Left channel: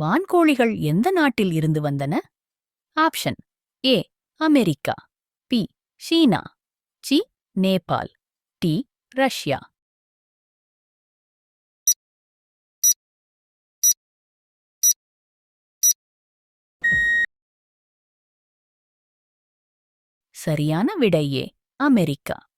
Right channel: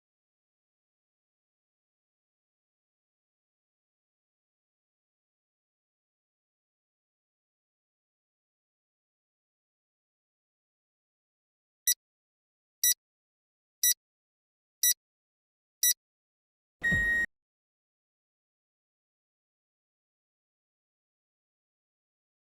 வான்கோழிகள் எந்த நாட்டில் இருந்து வந்தன? Option A America B China C Nepal D Russia. சரியான விடை ஏ அமெரிக்கா.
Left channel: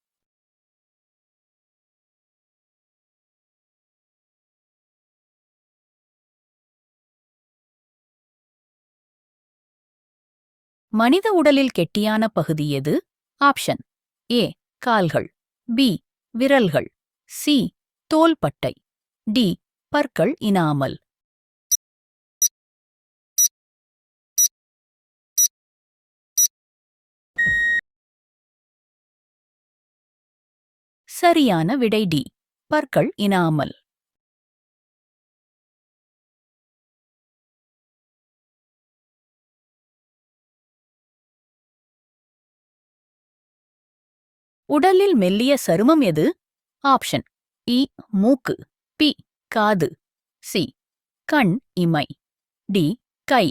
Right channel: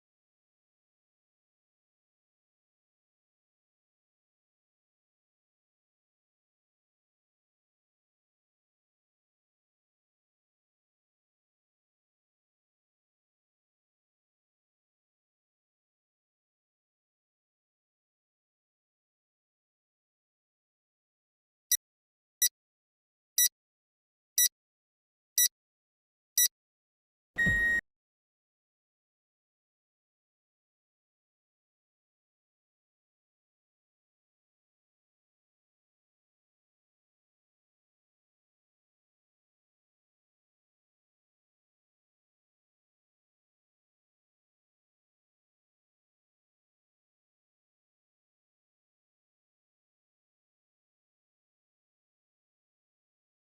மனித உடலில் கெட்டியான பகுதி எது? ஆப்ஷன். ஏ. கால்கள். பி. விரல்கள். சி. தோல்பட்டை டி. பற்கள் இனாமல். சரியான விடை டி. பற்கள் இனாமல். உடலில் மெல்லிய சருமம் எது? ஆப்ஷன் இ மூக்கு பி காது சி கண் இமை டி கை.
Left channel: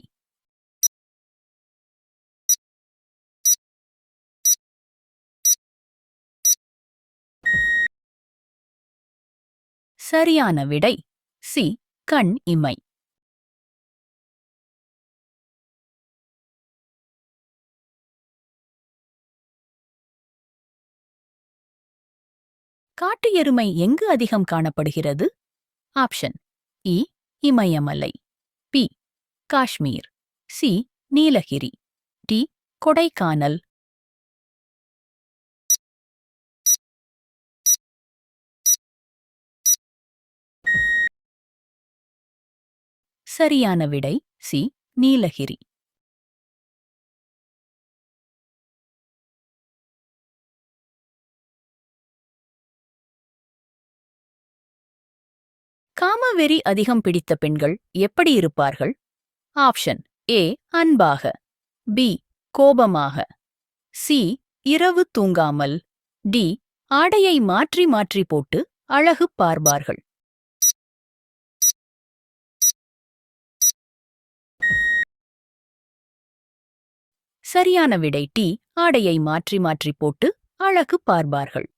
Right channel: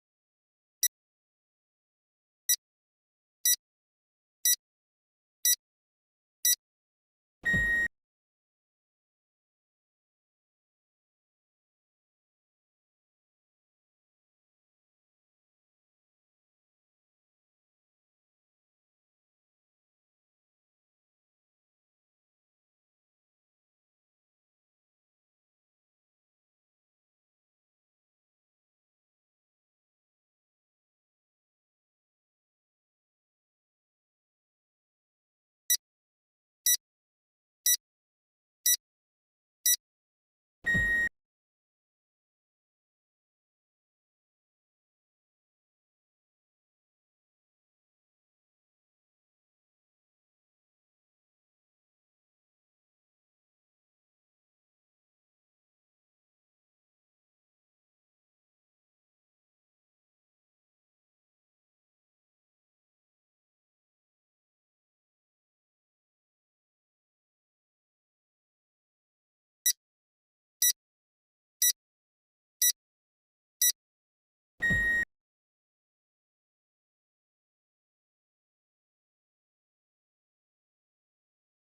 சரியான விடை சி கண் இமை. காட்டு எருமை எங்கு அதிகம் காணப்படுகிறது? ஆப்ஷன் இ இமயமலை B Kashmir C Nilgiri D Kodaikanal. சரியான விடை சி நீலகிரி. காமவெறி அதிகம் பிடித்த பெண்கள் எப்படி இருப்பார்கள்? ஆப்ஷன் ஏ அன்பாக. பி கோபமாக. சி இரவு தூங்காமல். டி ஆடையை மாற்றி மாற்றி போட்டு அழகு பார்ப்பார்கள். சரியான விடை டி ஆடையை மாற்றி மாற்றி போட்டு அழகு பார்ப்பார்கள்.